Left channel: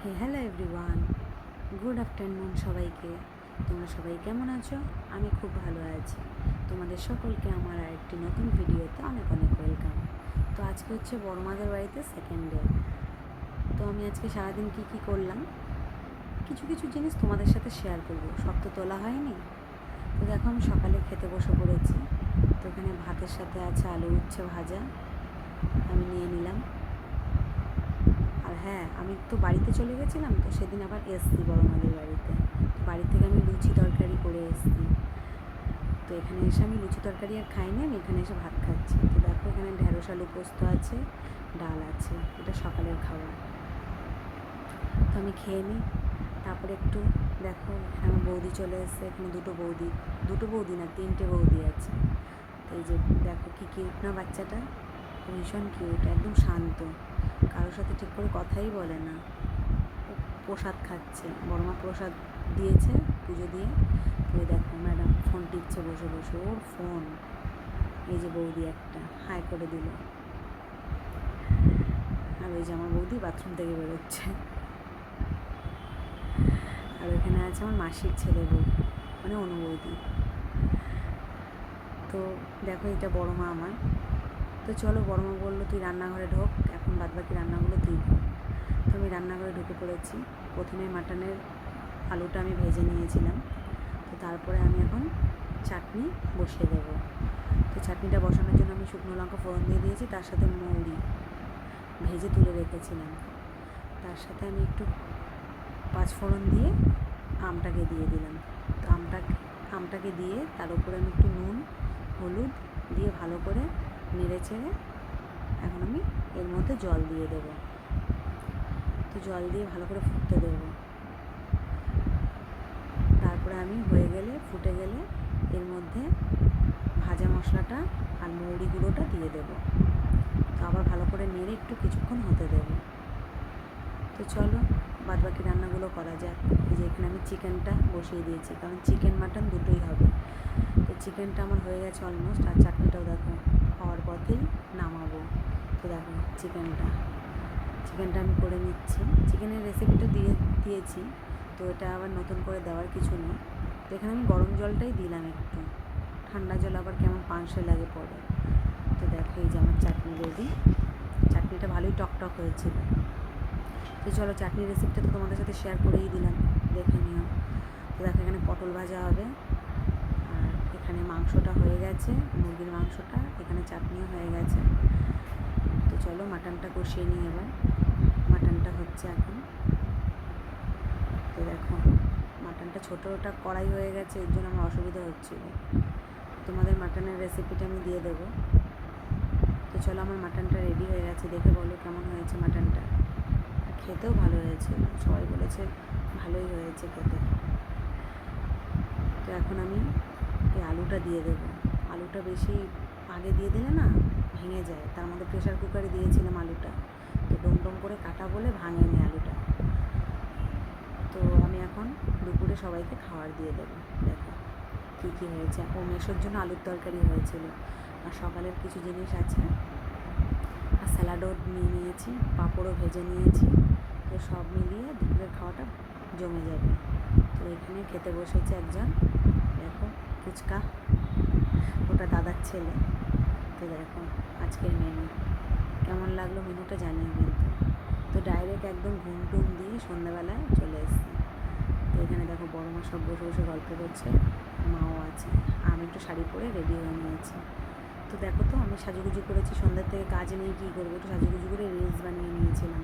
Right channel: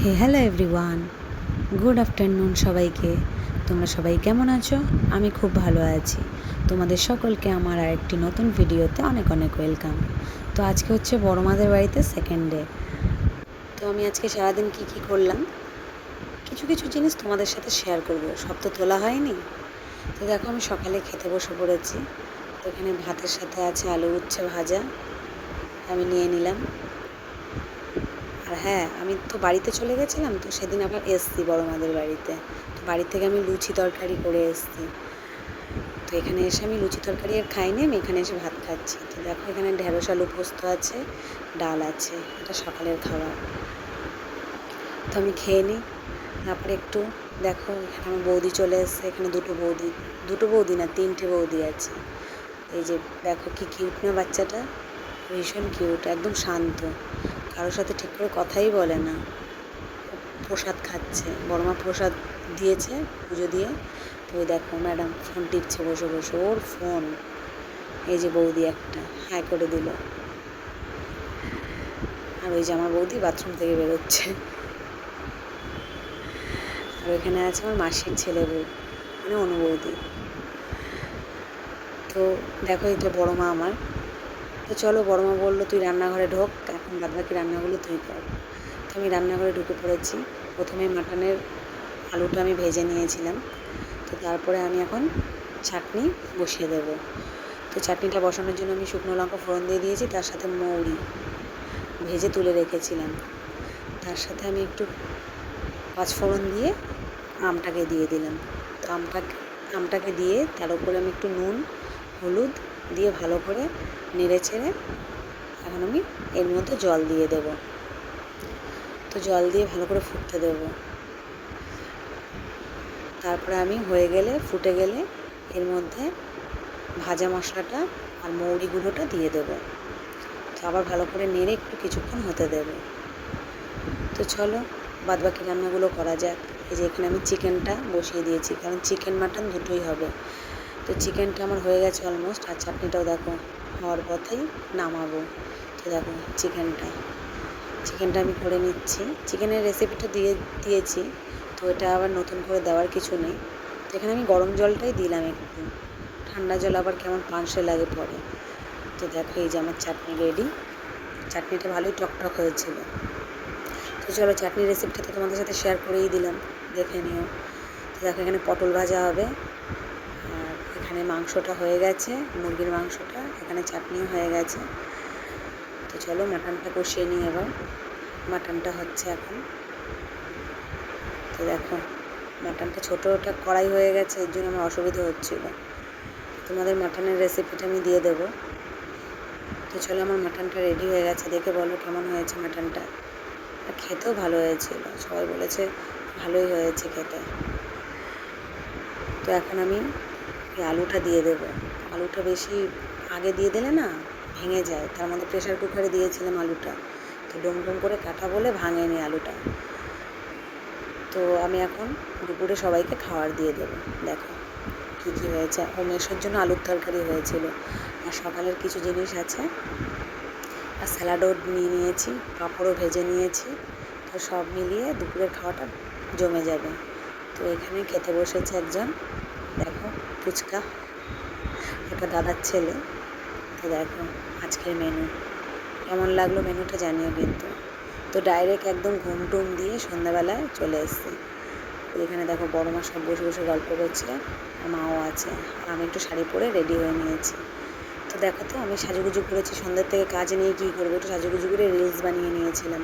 Hello everyone, good afternoon সবাইকে। তোমরা সবাই কেমন আছো? আমি খুব ভালো আছি। তোমাদের সকলকে আমার আরেকটি নতুন ভিডিওতে অনেক অনেক ওয়েলকাম। তো আজকে হচ্ছে বড় মাদের বাড়িতে সেকেন্ড ডে। তো আমি আজকে সারাদিন কি করলাম কিছু কিছু জিনিস তোমাদের সাথে শেয়ার করব। সব তো তোলা হয়নি। তো দেখো, আমি সকালে খেতে বসে পড়েছি। তো এখানে ভাতের সাথে আছে আলু উচ্ছে ভাজা, আমি নিয়ে নিলাম। আর হ্যাঁ, আমি তো বাড়িতে চলে গেছিলাম, তো সেদিন আবার এসছি বড় মাদের বাড়িতে। তো বাড়ি থেকে আমি লুচি তরকারি করে এসছি। তো এখানে এসে আমি লুচি তরকারি আর খাইনি, আমি এখানে এসে ভাত খাচ্ছি। তো দেখো, এখানে ঢেঁড়স আলু পোস্ত আছে, ডাল আছে, এটা সকালের খাবার। তো আমি খেয়ে নিই। তারপরে একটু দেখো, এখানে আমার বৌদি চলে এসছে। এখানে দুটো বৌদি না, তিনটে বৌদি আছে। এই যে দেখো, কি কিউট না বাচ্চাটা, ভীষণ কিউট, একদম শান্ত, কারোর সাথে ঠিক করে কথাই বলে না। প্রসাদ খাচ্ছে, বড়মা প্রসাদ দিয়েছে পুজো দিয়ে। তো দেখো, ম্যাডাম ফোন টিপছে বসে বসে, ওর ফোন। এই যে বৌদি একটা হাই করে দিল, আর ওই যে আমার বৌদি বাথরুম থেকে বেরোচ্ছে। আর ওইখানে আছে আমার মাসির ছেলে বউ, মানে অনুবৌদি। তো দেখো, এটা বড় মা আমার। তো চলো, বড় মা বললো তুই রান্নাঘরে ঢোক, এখন বাদবাকি রান্নাগুলো তুই কর। তো আমি রান্নাঘরে ঢুকে পড়েছি। প্রথমে মাটনের আলুটা আমি ভেজে নিয়েছিলাম। তো তারপরে আমি এখন চাটনি বসিয়ে দেব। তো চাটনিটা বসানোর জন্য আমি শুকনো লঙ্কা ফোড়ন দিয়ে দিয়েছি, তার সাথে মৌরি ভেজে তুলে রেখেছিলাম। তার সাথে আমি একটু পাঁচফোড়ন দিয়ে আমটাকে দিয়ে দিলাম। তো আমটাকে দিয়ে তার উপরে আমি একটু নুন হলুদ দিয়ে ভালো করে নেড়ে ছেড়ে এখন আমি এর মধ্যে জল দিয়ে দেব। তো জল দিয়ে ভালো করে ফুটতে দেব। তারপরে আমি ফুটে গেলে এর মধ্যে ভাজা মশলাটা আর মৌরি গুঁড়োটা দিয়ে দেবো। তো আবার ভালো করে নেড়ে একটু কিছুক্ষণ হতে দেবো। তো চলো, বাদবাকি রান্নাগুলো করা যাক। এই যে এখানে আমি চিকেনটা বসিয়ে দিয়েছি, কারণ চিকেন মাটন দুটোই হবে। তো চিকেনটা আমার হয়ে গেছে অলমোস্ট, আর চাটনিটাও দেখো হওয়ার পথেই নামাবো। তো দেখো চিকেনটা আমি করে নিচ্ছি। চিকেনের রেসিপিটা দিয়েছি, তো এটা আবার নতুন করে দেওয়ার কিছু নেই। যেখানে আমি গরম জলটাই দিলাম, একটু ঠান্ডা জল আবার কেমন পাঁচশে লাগে পরে। তো দেখো, এই যে আমার চাটনি রেডি। চাটনিটা ভালোই টকটক হয়েছিল। তো চলো, চাটনির রেসিপিটা তো তোমাদের সাথে শেয়ার করেই দিলাম, দেখে নিও। তো দেখো, এখানে পটল ভাজা হবে, আর এখানে মাংসটা হয়ে গেছে, মুরগির মাংসটা। এখানে চাটনিও হয়ে গেছে। তো চলো, মাটনটা কষিয়ে নিই এবার। মাটনটা হচ্ছে এখন। তো দেখো, মাটনটা ছোটোটা কড়াই হয়ে গেছে, এর জন্য আমার অসুবিধা হচ্ছিলো। তোমাদের মাটনের রেসিপিটা আমি দিয়ে দেবো। তো চলো, আমার মাটনটা রেডি হয়ে গেছে, দেখে বলো কেমন হয়েছে মাটনটা। আর খেতেও ভালো হয়েছিল, সবাই বলেছে ভালোই হয়েছে খেতে। তো এখন আমি এই আলুটা দিয়ে দেবো। আলুটা বেশি আগে দিয়ে দিলে না ভেঙে যায়, তার মধ্যে প্রেশার কুকারে দিয়েছিলাম আলুটা, তো ডোম করে কাটা বলে ভাঙেনি আলুটা। তো আমি এখন দুপুরে সবাইকে খাবার দিয়ে দেবো। দেখো কী হয়েছে। ও মেসোর জন্য আলুর তরকারি হয়েছিল, আর সকালের কিছু জিনিস আছে, আর স্যালাডও নিয়ে নিয়েছি, পাঁপড়ও ভেজে নিয়েছি। তো সব মিলিয়ে দুপুরের খাওয়াটা জমে যাবে। তো এখানে খেতে বসেছে একজন, দেখো ফুচকা, ওটা দাদার ছেলে। তো দেখো আজকের মেনু কেমন লাগলো, মেনুটা জানিও কিন্তু। তো ডাইরেক্ট একদম ঘুম টুম দিয়ে সন্ধ্যাবেলায় চলে এসেছি। তো এখানে দেখো বড় মা সব বসে বসে গল্প করছে, আর মাও আছে, আর আমি একটু শাড়ি পরে রেডি হয়ে নিয়েছি। তো দেখো, তো আমি সাজুগুজু করেছি, সন্ধ্যের থেকে কাজ নিয়ে কী করবো, একটু সাজুগুজু করে রিলস বানিয়ে নিয়েছিলাম।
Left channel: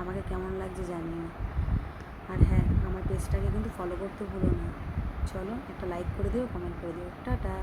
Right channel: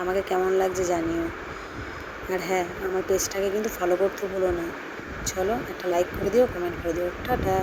আমাকে কেমন লাগছে জানিও। আর হ্যাঁ, আমার পেজটাকে কিন্তু ফলো করতে ভুলো না। চলো, একটা লাইক করে দিও, কমেন্ট করে দিও। টাটা।